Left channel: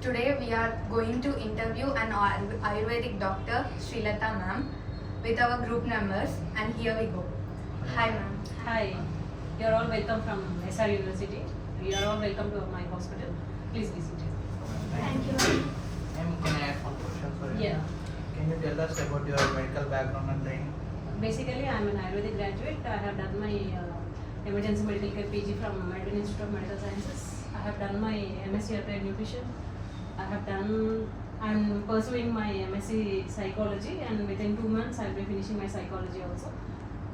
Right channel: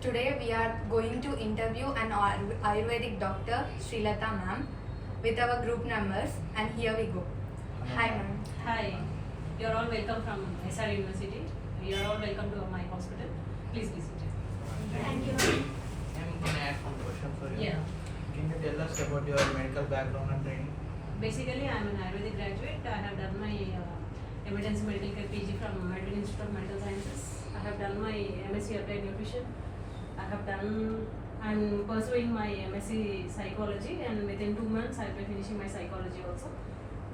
Today we are going to interview an Ayurvedic doctor, Srilata ma'am, with our group members, and here we go. Hi ma'am. Hi, you are all welcome from SR University. We are all welcome to my hospital. Please visit. Thank you. Ma'am, can I ask one question? Sorry. Yeah. Can you tell us about your medical background and training? Basically, I am an Ayurvedic graduate. I have done my emergency medical care PG from American Institute of Medical Sciences. I have done my MSc Applied Nutrition. I am pursuing my MSc Psychology, and within 2 months I will be finishing my psychology also.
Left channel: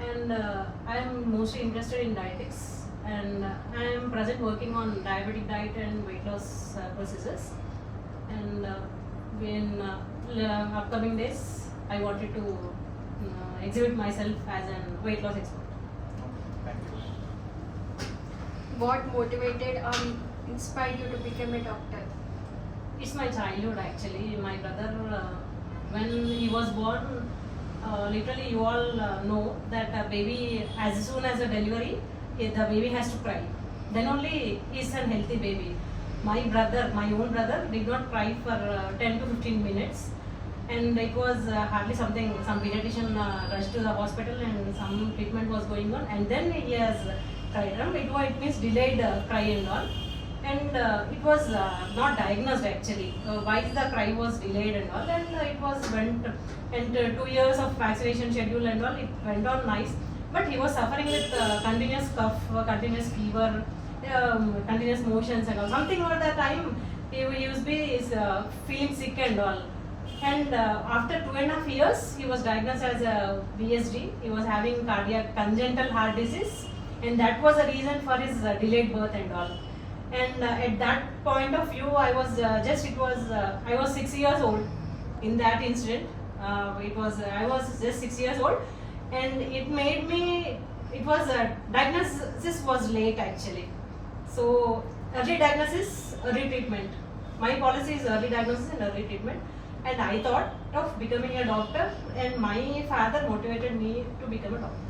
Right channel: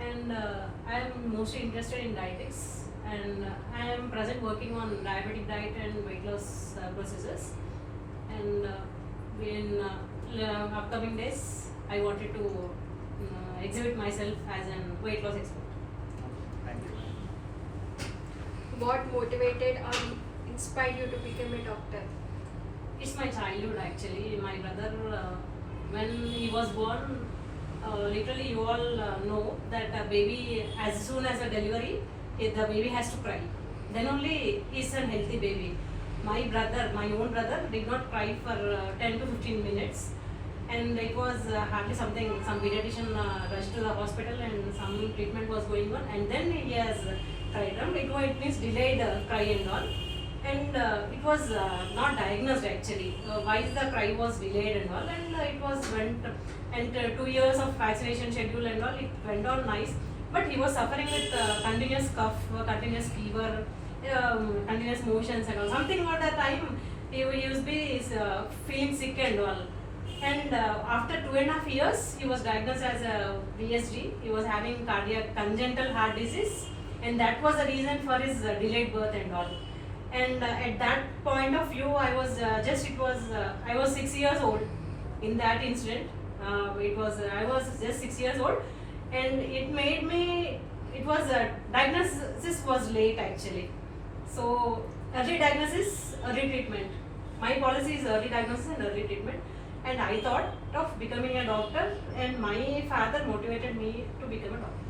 And I am mostly interested in dietetics, and I am present working on diabetic diet and weight loss processes. And in upcoming days, I wanted to exhibit myself as an weight loss expert. Thank you. What motivated or inspired you to become a doctor? It's my childhood actually. My brother, when he was born, literally you all know that a baby, as soon as a delivery, the baby has to cry. Then only is a healthy baby. My own brother, did not cry for 10 to 15 minutes. And it was hardly something, some pediatrician rushed to the hospital and some treatment was going on. And then he has cried. It means delayed cry and all. And it was not diagnosed actually. Why the cry was delayed and all. And it was went, and 2 years of vaccination schedule and all, it went on nice. But he was suffering with continuous cough, continuous fever, continuous motions and all. Something over the time he used to be feeling sick and all. And after 2.5 years, he was diagnosed as a VSD. He was having cardiac congenital heart disease, and that was the reason for his delayed birth and all. And at that point of view, I was I was 6 years old in that incident. I was just 6 years old, and it made me. It was diagnosis was late actually. So early diagnosis, early treatment. My policy is early diagnosis and early treatment. And I thought of becoming a doctor, and my father motivated me to become a doctor.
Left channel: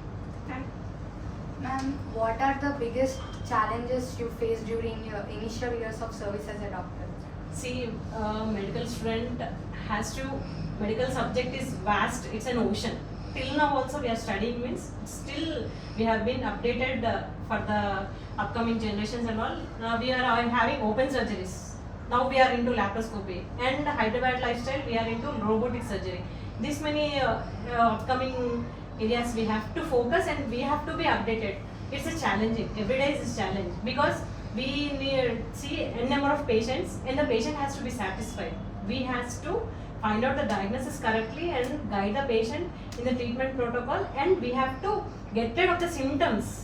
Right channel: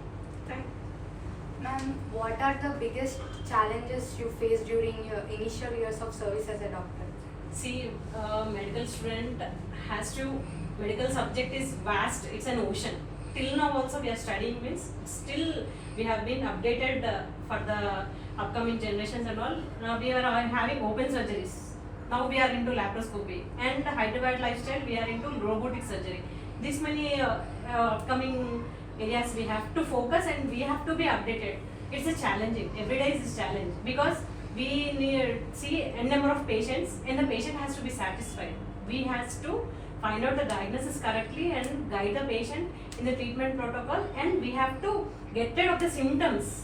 Ma'am, what are the biggest challenges you faced during your initial years of service as a doctor? See, medical student medical subject is vast, it's an ocean. Till now also we are studying, means still we have been updated for the upcoming generations and all. Now we are having open surgeries. Now we are into laparoscopy, and Hyderabad lifestyle we are into robotic surgery. This many upcoming areas we have to focus, and we have to be updated. It's a challenging. Every day is a challenge because we need see a number of patients, and the patient has to be satisfied. We has to find out the diagnosis correctly and guide the patient in the treatment protocol, and we have to get rid of the symptoms.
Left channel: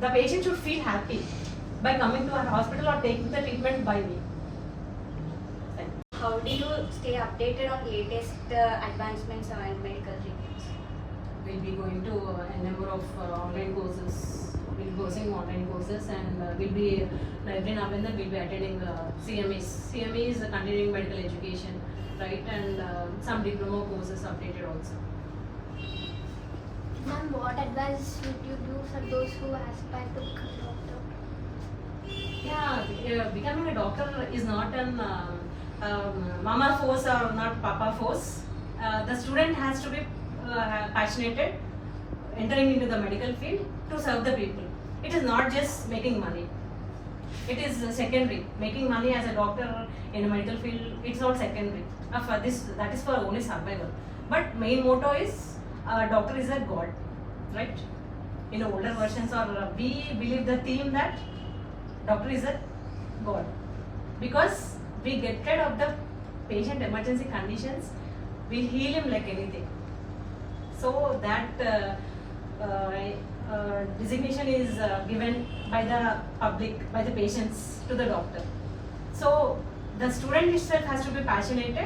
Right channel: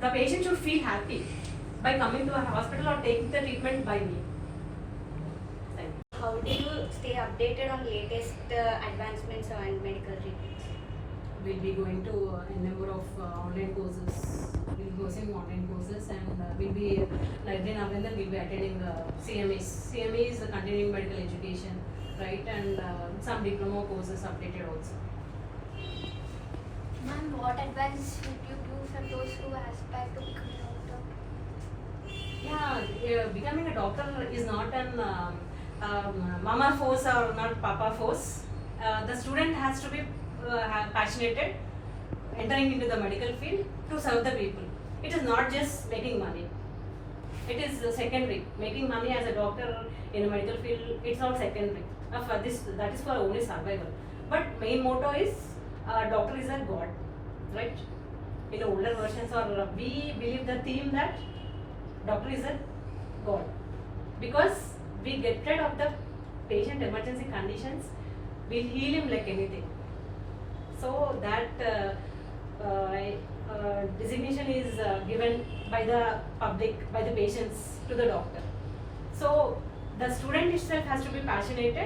The patient should feel happy by coming to our hospital or taking the treatment by me. How do you stay updated on latest advancements and medical treatments? We'll be going to a number of online courses. We'll be posting online courses, and we'll be every now and then we'll be attending CMEs. CME is the continuing medical education, right? And some diploma courses updated also. Ma'am, what advice would you do for those who aspire to become a doctor? Yeah, becoming a doctor is not an mama force or not papa force. The student has to be passionate, entering into the medical field to serve the people. It is not just making money. It is secondary. Making money as a doctor in a medical field, it's all secondary. That is for only survival. But main motto is doctor is a god, right? In older versions, or we believe the theme that doctor is a god, because we get rid of the patient emergency conditions, we heal him like anything. So that designation is given by the public, by the patients to the doctor. So the student itself has to be passionate,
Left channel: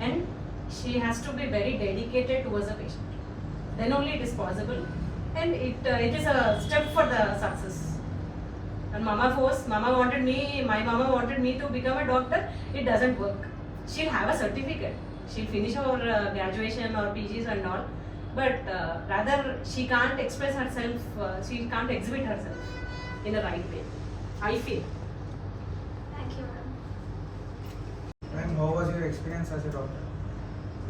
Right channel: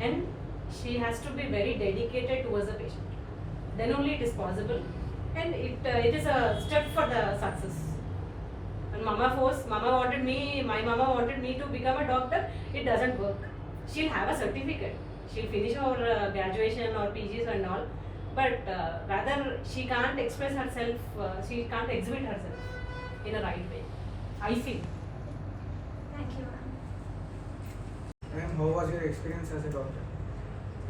and she has to be very dedicated towards the patient. Then only it is possible, and it is a step for the success. And my mama wanted me to become a doctor. It doesn't work. She'll have a certificate. She'll finish her graduation or PGs and all. But rather, she can't express herself. She can't exhibit herself in a right way. I feel. Thank you, ma'am. how was your experience as a doctor?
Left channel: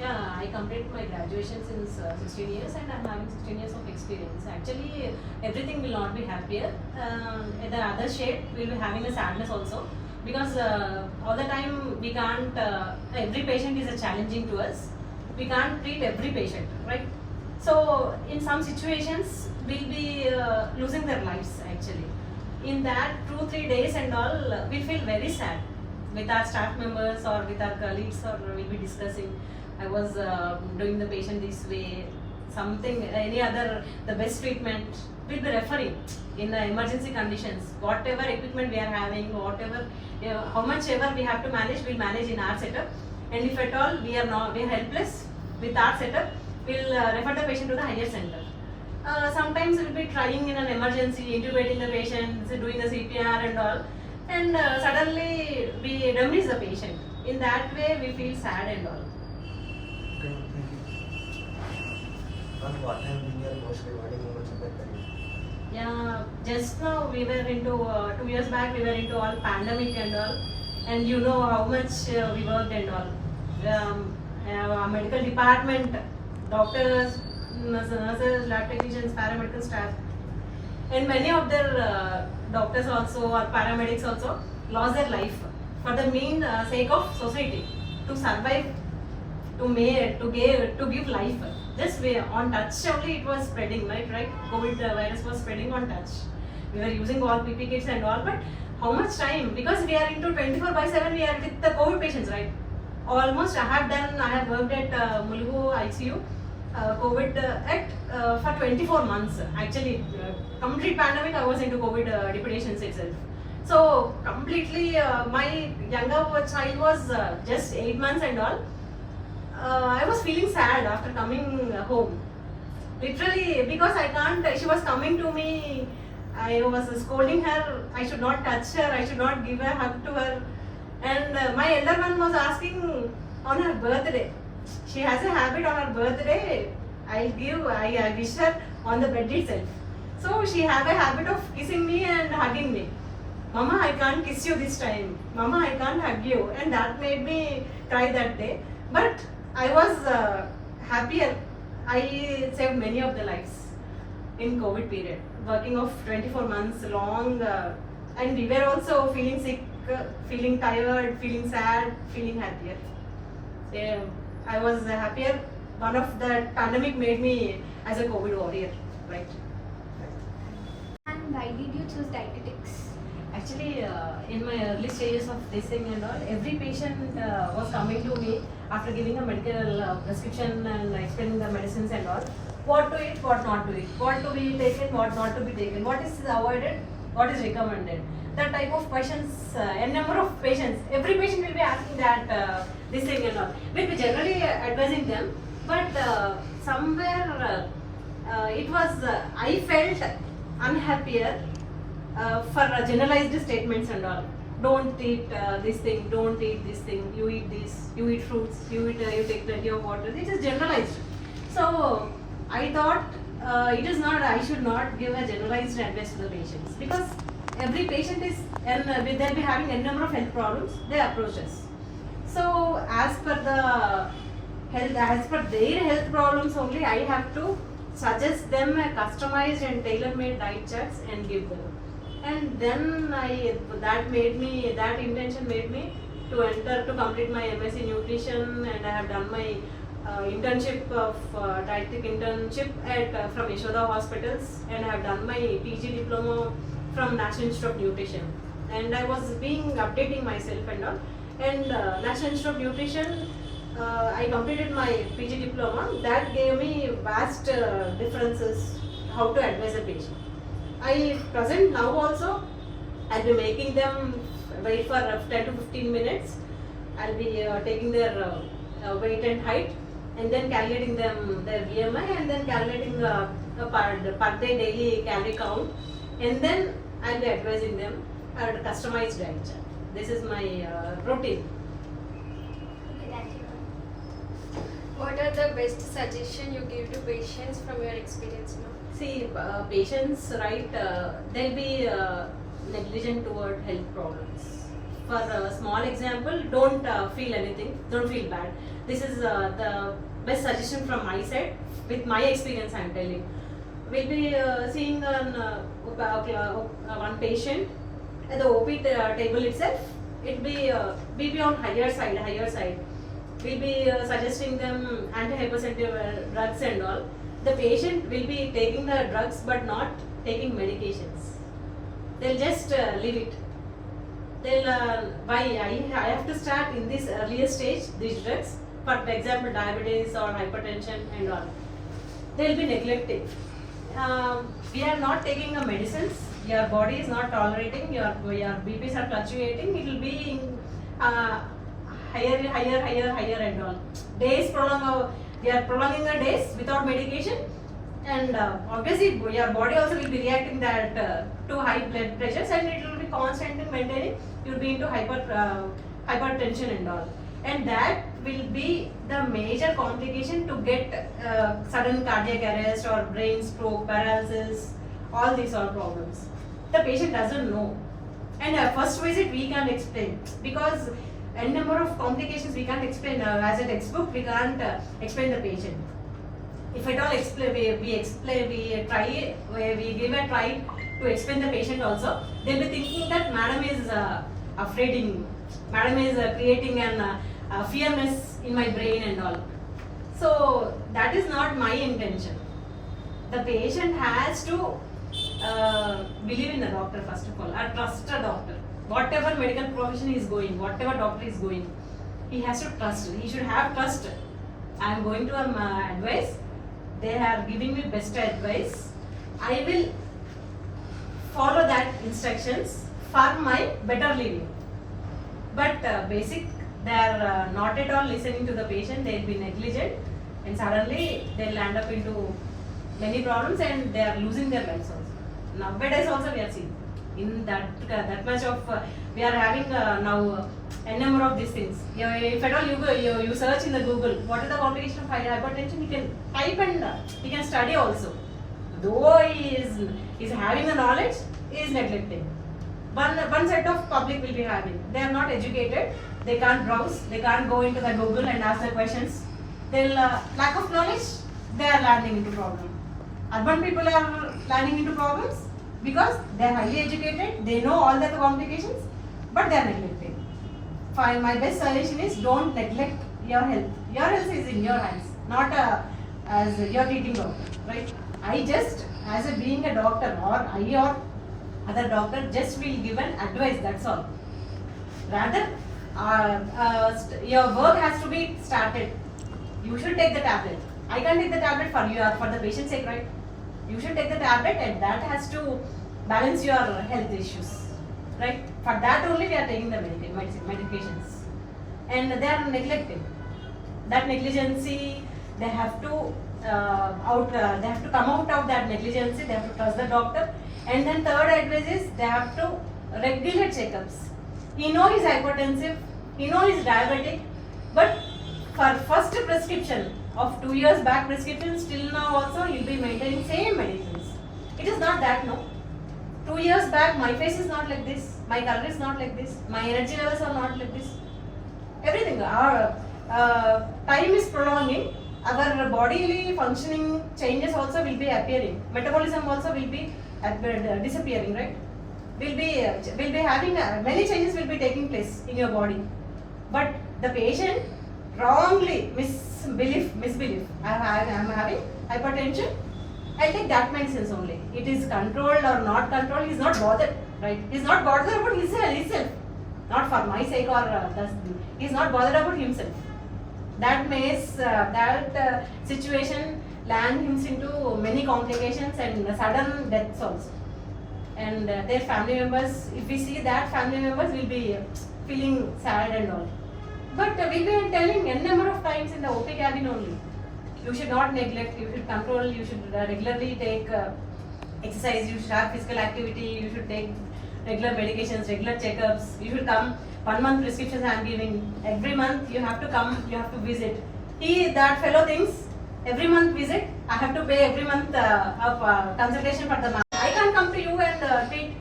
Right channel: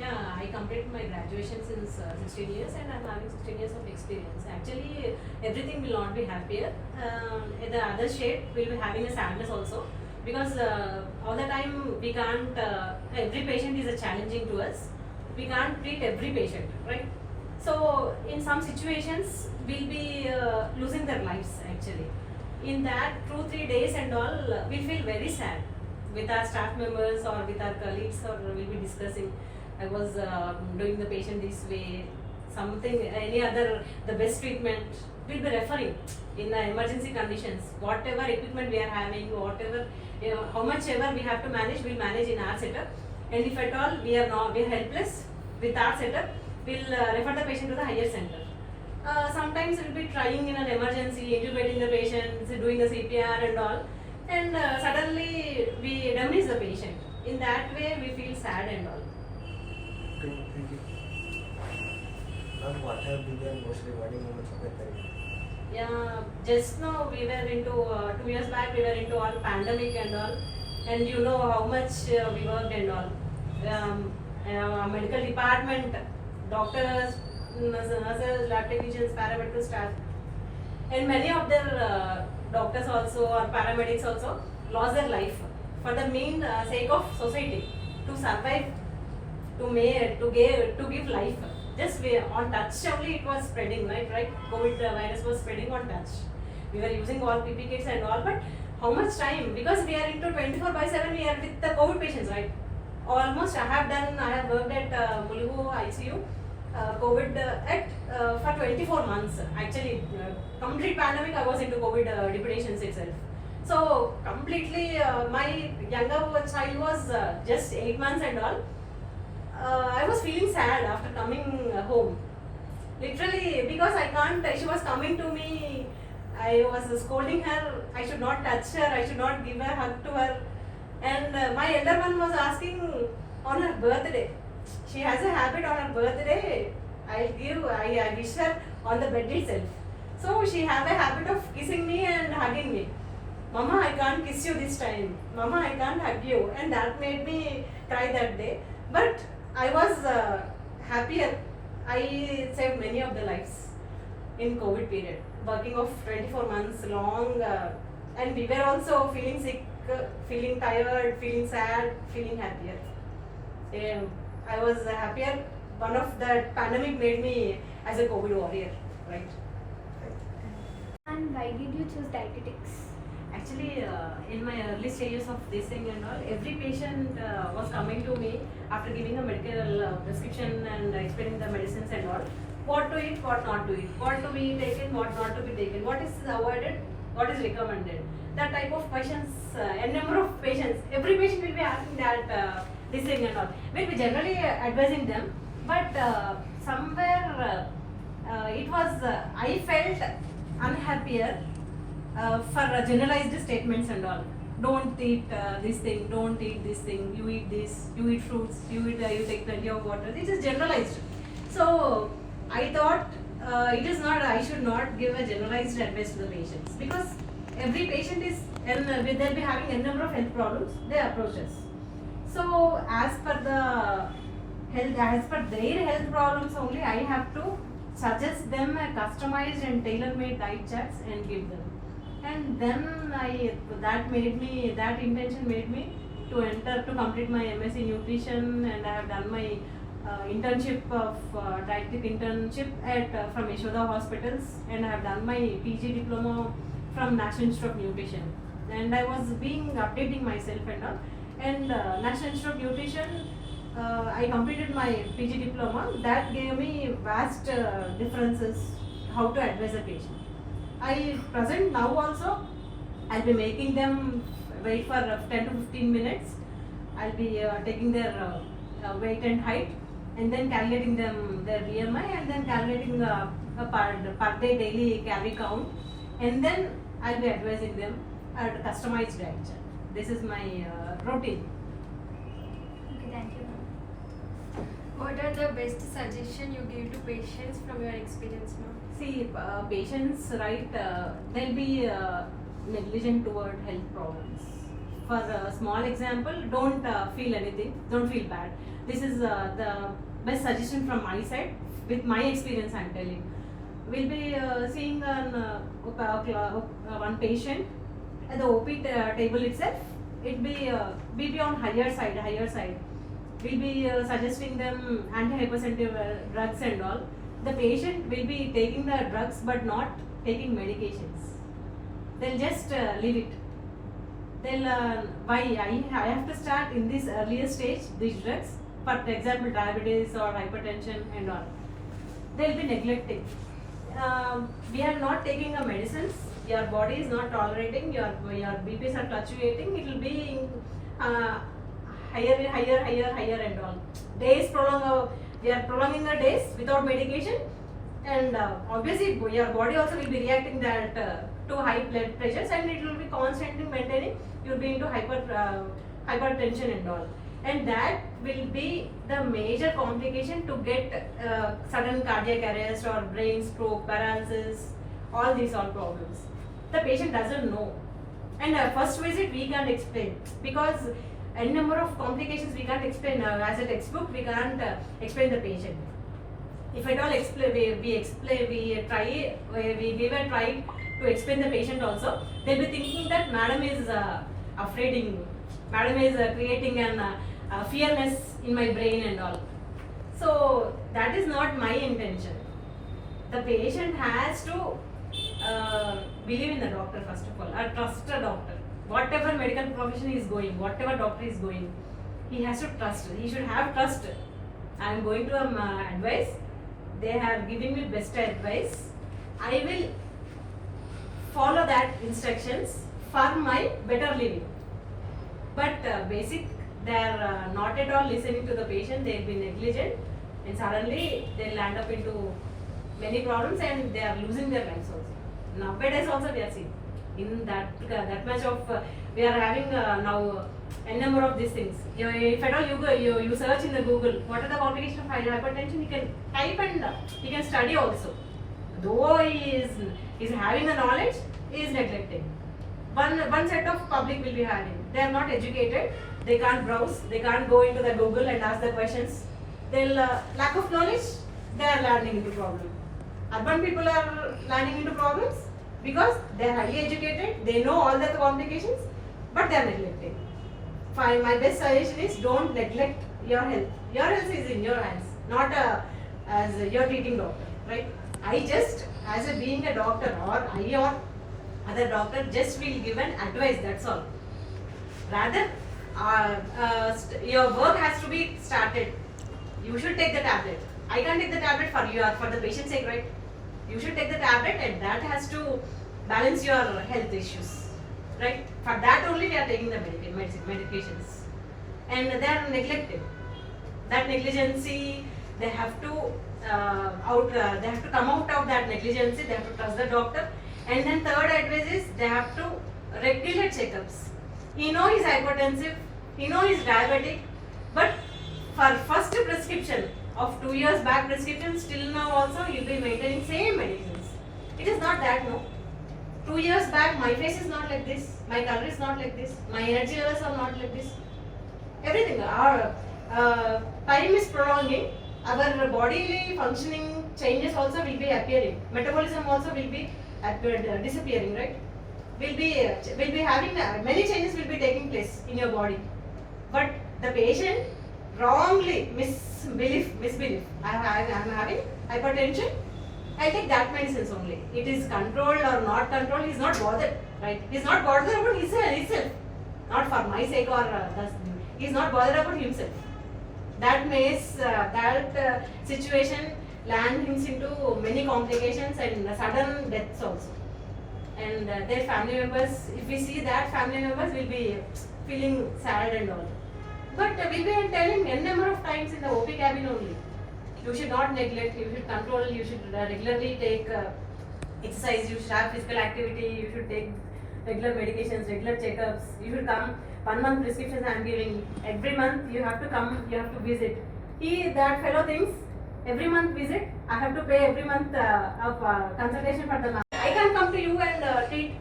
Yeah, I completed my graduation since 16 years and I'm having 16 years of experience. Actually, everything will not be happier. The other shade will be having a sadness also because all the time we can't, every patient is a challenging to us. We can't treat every patient, right? So, in some situations, we'll be losing their lives actually. In that 2-3 days and all, we feel very sad with our staff members or with our colleagues, or we'll be discussing. I was doing the patient this way, something, any other, the best treatment, we'll be referring in the emergency conditions. Whatever equipment we are having, whatever, how much ever we have to manage, we'll manage in our setup. And if at all we are helpless with our setup, we'll refer the patient to the higher center. Sometimes we'll be trying in an emergency, intubating the patient, doing the CPR and all, and suddenly we demolish the patient. In that way, we feel sad and all. Okay, thank you. Ma'am, what have been your most rewarding moments of your career? Yeah, just now we were into 2 years back we were into all pandemic and all, and you know how much we worked and all. Our medical department, doctors, nurses, lab technicians, paramedical staff, and many of their doctors also or paramedics also lost their life for the main sake of society to survive, to give life. Just on touch only it was spreading, right? COVID virus was spreading on touch. We were using all PP kits and all, but how much time? Because we are into 24/7, we are with the COVID patients, right? Almost I have worked at Mulugu ICU, COVID for 24 months. Actually, complete pandemic I was into COVID deputations itself. So completely, my younger child was just 8 months and all. I was feeling sad after coming home. Literally, because I can't, she was coming to me, I was scolding her, I should not touch her, I should not give a hug to her. And my elder one was asking on her birthday. She has a habit on her birthday, I wish her on the bed itself. So she have a habit of kissing me and hugging me. Mama, I can't kiss you this time. Mama, I can't hug you. And that made me cry that day. But I was happier. I saved many of the lives in COVID period. Working of 24 months long, and we were also feeling sick, feeling tired, feeling sad, feeling happier. I was happier. One of the pandemic made me as a COVID warrior, right? And why did you choose dietetics? Actually, in my early stages of this thing and all, every patient was coming to me after giving a medical prescription and explaining the medicines and all. What to eat, what not to eat, what to be taken, what not to be taken, what is avoided, what is recommended. That type of questions, a number of patients, every patient will be asking that this thing and all. We'll be generally advising them, but somewhere it was, I felt unhappier for generalized statements and all. Don't eat this thing, don't eat this thing, you eat this, you eat fruits, you take plenty of water. It is generalized. So I thought it is not, I should not give a generalized advice to the patients, because every patient is, and they'll be having a number of health problems, they approach us. So as per their health problems only, I have to suggest them a customized and tailor-made diet charts and give them. And then that intention made me to complete my MSc Nutrition, and I have done my internship of dietetic internship from Yashoda Hospitals, and I have done my PG diploma from National Institute of Nutrition. And I was updating myself and all. And National Institute of Nutrition, I completed my PG diploma. That gave me vast differences how to advise a patient. I present now also, I'll be making them wait for 10 to 15 minutes. I'll be taking their weight and height, and then calculating them their BMI, and then calculating a per day daily calorie count, and then I'll be advising them a customized diet chart. This is my routine. Okay, thank you. What are the best suggestions you give to patients from your experience now? See, patients, right, they'll be negligent toward health problems. For a small example, don't feel anything, don't feel bad. This is the best suggestion from my side. With my experience, I am telling. We'll be seeing one patient at the OP table itself. It will be on higher side. We'll be suggesting them antihypertensive drugs and all. The patient will be taking the drugs but not taking medications. They'll just leave it. They'll why I have to start in this earlier stage these drugs, for example diabetes or hypertension and all. They'll be neglecting. We are not taking the medicines. Your body is not tolerating. Your BPs are fluctuating. It will be higher and all. Days prolong. We are prolonging the days without medication, and obviously your body also will be reacting that to high blood pressures, and it will be constantly maintaining. You will be into hypertension and all, and that will be the major complication to get sudden cardiac arrest or brain stroke, paralysis, all these are problems. The patient doesn't know, and first visit we can't explain because a number of complications we can't explain as a textbook. We can't explain the patient. If at all explain, we give a try to explain the patient also. They'll be thinking that madam is afraiding me. Madam is creating an fearness in my brain and all. So that is not my intention. The patient has to believe in the doctor first of all, or trust a doctor. Whatever medical profession is going, whatever doctor is going, he has to trust. He should have trust. I am going to advice. They are giving me best advice. I will follow that instructions for my better living. But basic, they are not at all listening to the patient. They will be negligent, and suddenly they will land up into many problems, and they are losing their lives also. Nowadays also we are seeing. In that much of we are having now a number of these things. If at all you search in the Google, what are the complications of hypertension? You can type and you can study also. Though he is having the knowledge, he is neglecting. One set of public will be having. They are not educated. They can't browse. They can't go into the Google and ask the questions. They'll lack of knowledge. They are landing into problem. Urban people are landing into problems. Because they are highly educated, they know all the complications, but they are neglected. Fine, my best suggestion is don't neglect your health. Your health is in your hands, not as your treating doctor, right? I just, as being a doctor, or I or other doctor, just will give an advice, that's all. Rather, your work has to be started. You should take the tablet. I can't take the tablet for you or for the patient's sake, right? You should take the tablet, and that has to balance your health issues, right? For that only we are taking the medications, and they are neglected. That negligency, they have to they have to come out of that negligency. They have to trust the doctor, and then third advice is they have to regular checkups. He knows he's hypertensive, he knows he's diabetic, but for first prescription of 2 years back prescription, still now also you'll be maintaining same medicines. It is not that, no. 2 years back my face is not like this, my color is not like this, my energy levels are not like this. Everything, our time is prolonging, our bodily functioning changes also will be appearing. Metabolism also will be disappearing, right? We'll be having many changes will be taking place in your body. But the patient wrongly misbelief. I am having hypertension. I take that medicines only. It is controlled or not controlled. He is not bothered, right? He is not bothered about himself. Not for my sake or he is not bothered about himself. That makes that situation lands into many complications and sudden deaths also. And their family members, if we see that, family members will be feeling sad and all. But we'll be telling n number of times in the OP cabin only. You should not neglect, you should control, you should regularly take exercise, you should have physical activity, you should take regular medications, regular checkups, you should come. 1 month prescriptions I am giving. Every month you have to come, you have to visit. That fellow thinks every month visit, I have to pay every month of consultation for the month. I can't come to you and treat.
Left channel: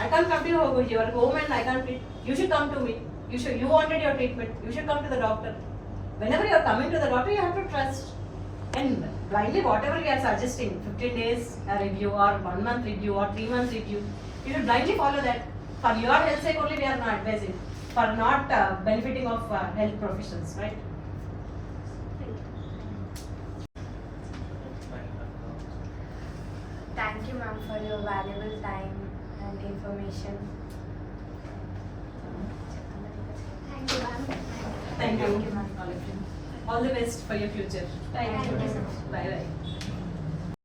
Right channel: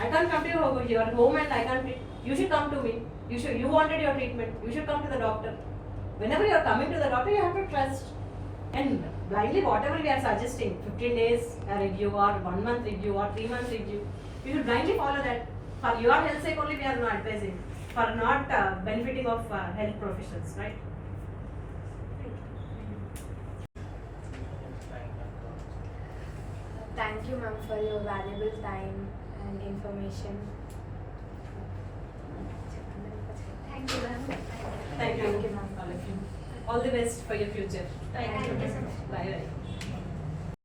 I can't come to your home and I can't. You should come to me. You wanted your treatment. You should come to the doctor. Whenever you are coming to the doctor, you have to trust. And blindly, whatever we are suggesting, 15 days review or 1 month review or 3 months review, you should blindly follow that. For your health sake only, we are not advising. For not benefiting of health professionals, right? Thank you, ma'am, for your valuable time and information. Thank you, ma'am. Thank you, Thank you, ma'am. all of you. All the best for your future. Thank you so much. Bye bye.